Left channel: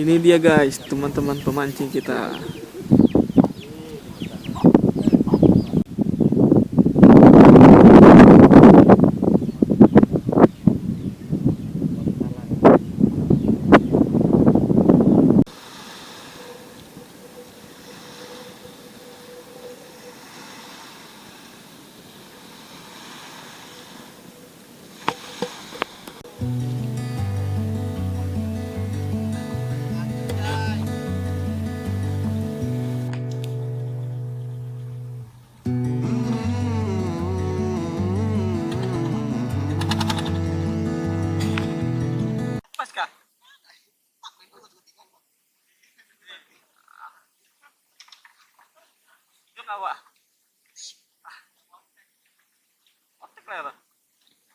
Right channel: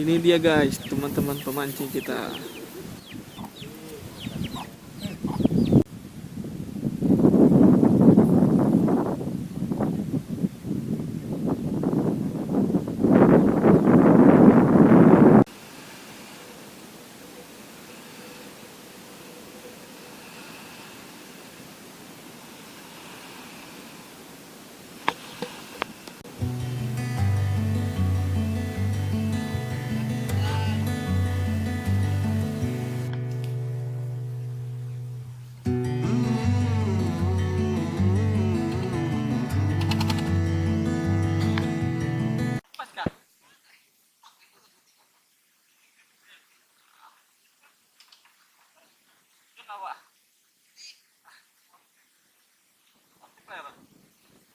Ini dia guys, teman-teman pemancing kita.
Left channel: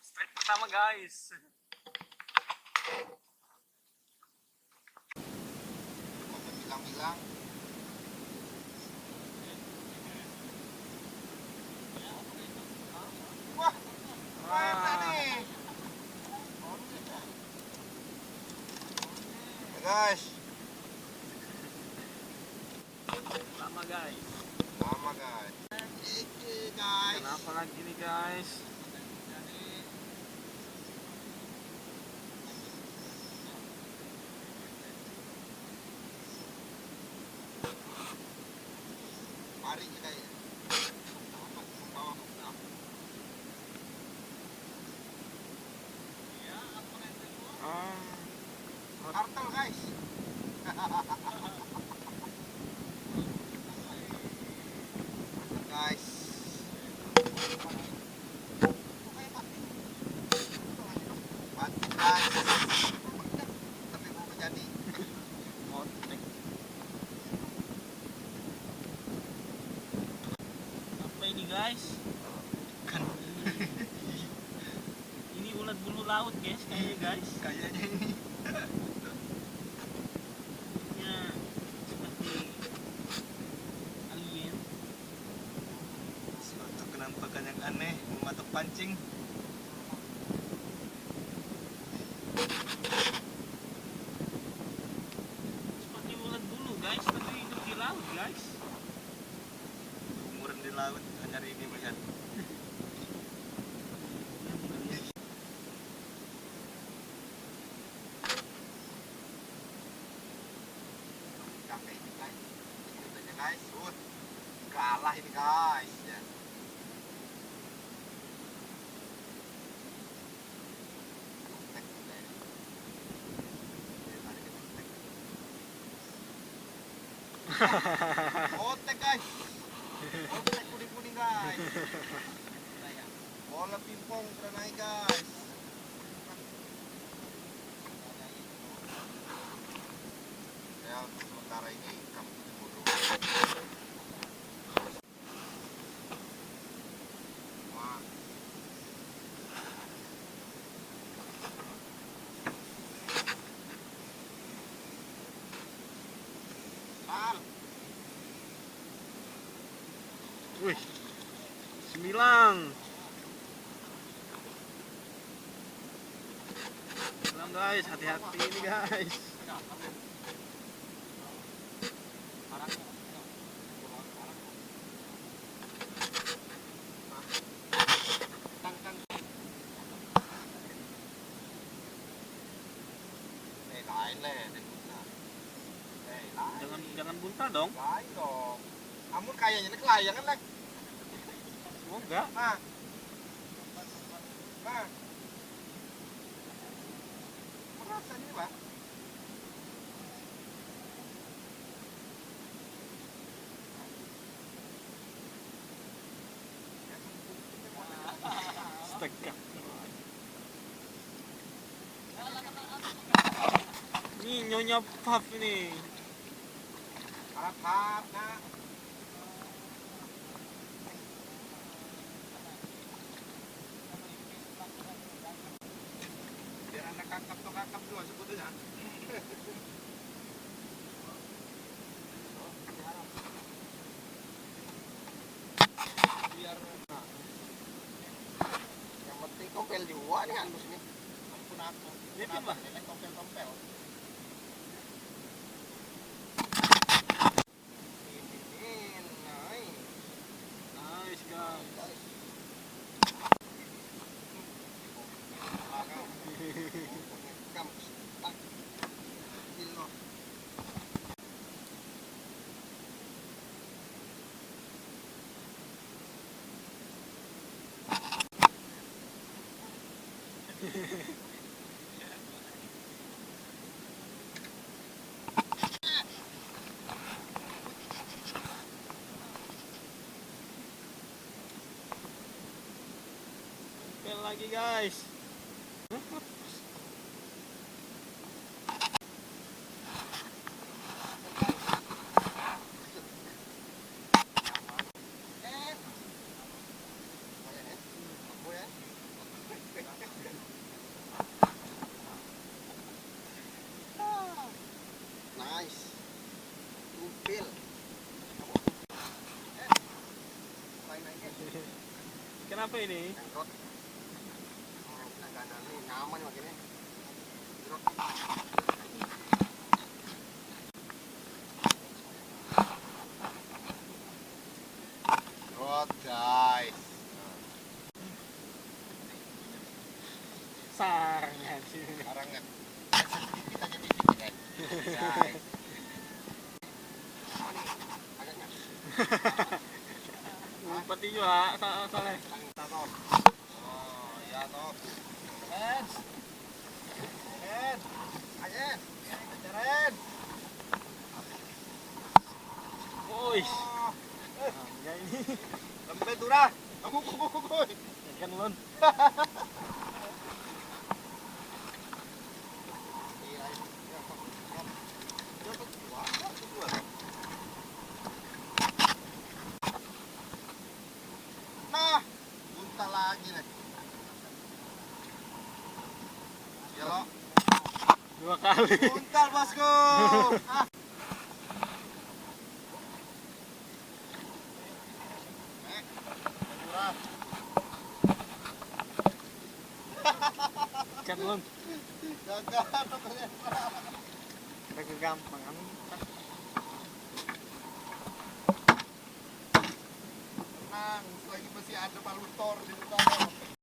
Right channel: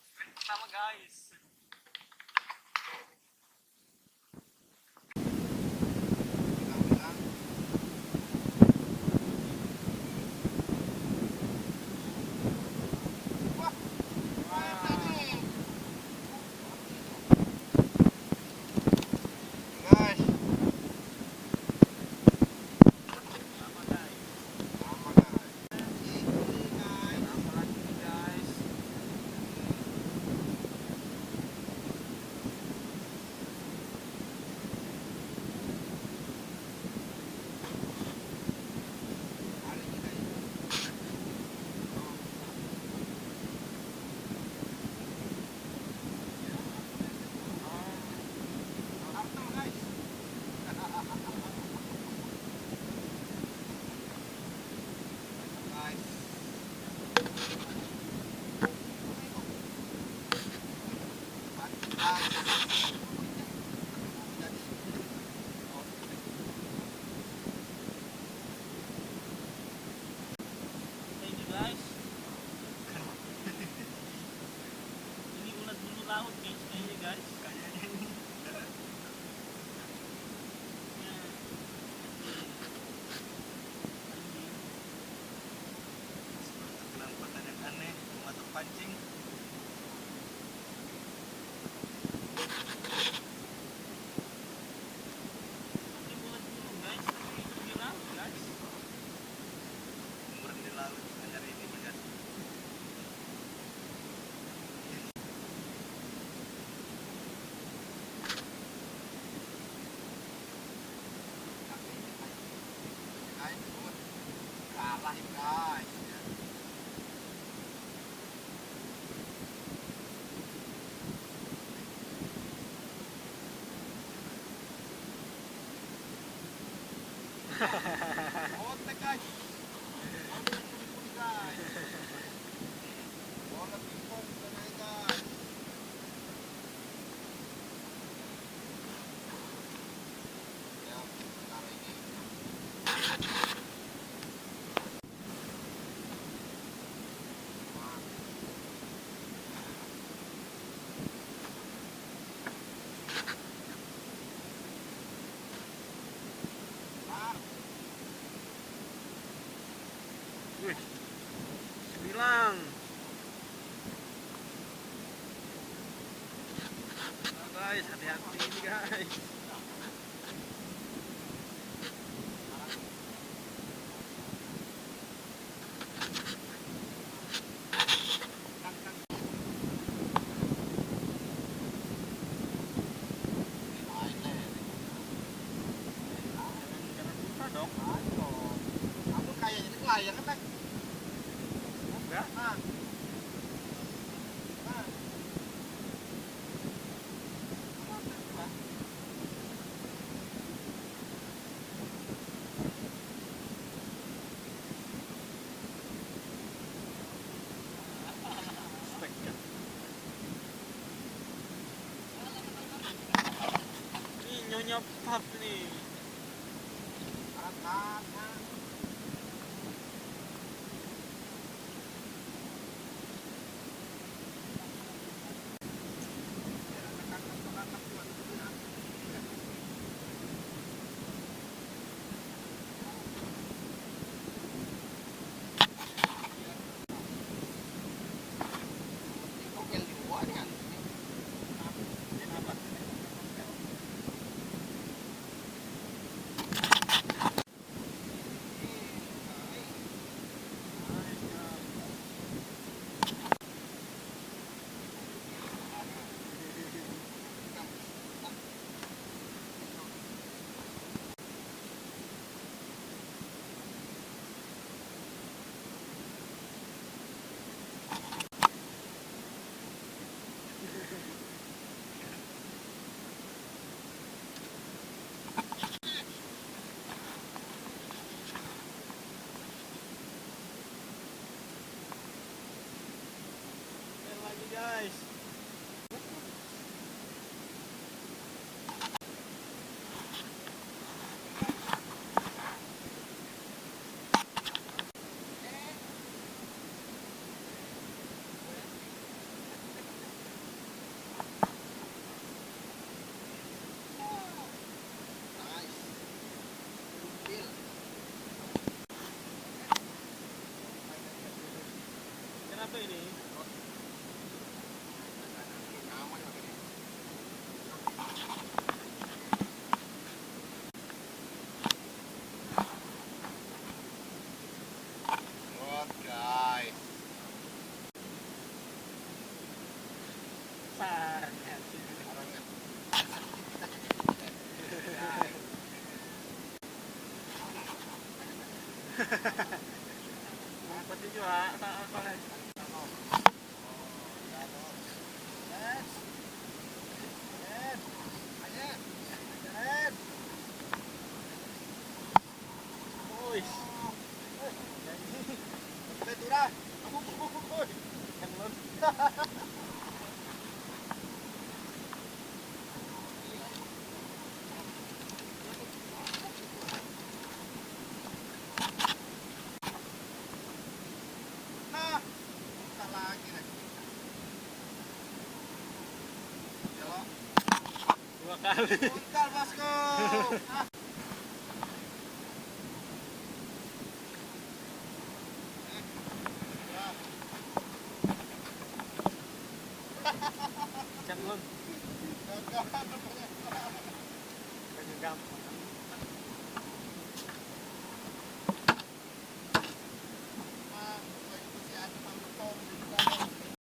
Strike pertama guys. Guys, Pertama guys. lama guys. Kenapa lagi nih guys? Mari kita ya. Turtle guys. Guys. Bantu guys. Tapi mau jadi. Apa ini guys? Ini ulat bulu laut guys, kayaknya guys. Kayaknya ini. Ya, seperti alien. Suatu penampakan yang aneh mematok pancing. Seperti ulat bulu guys, tapi hidup di laut guys. Umuran di laut hanya ini melihat. Guys, kalah ini guys. Otek guys. Otek kuning-kuning guys. Bola pingpong sudah naik guys. Ya, sementara ini kami dulu. Wih, 9. Guys, hati-hati ini guys. Jangan buntah dong. Ayo. Kamu kayaknya ini kelayangan lek. Semoga. Nah. Nah. Merasa ini, Pak. Stekap. Ini nyonya Puff nih. Harap-harap, nah. Biar anak kakap dua sebetulnya. Biar yang penting kopel juga nih halus nih. Dia apa? Kopel-kopel. Pel lagi guys. Nice. Umpil. Kenapa ini? Nyaman makanya. Rot guys. Sarangnya sih. Sarangnya. Ngumpet juga soalnya. Oh, iya toh. Ren. Ren. Ayen. Ren. Woi. Oh, Ya ini lebih turah. Kamu kuy. ikan lon. Nah, buka lagi nih. Ya lo. 2 kali. Buntal bosku. Ah. Turah. Ikan lon. Gagal. Agak gampang kan. Lagi masih ada palutor di depan.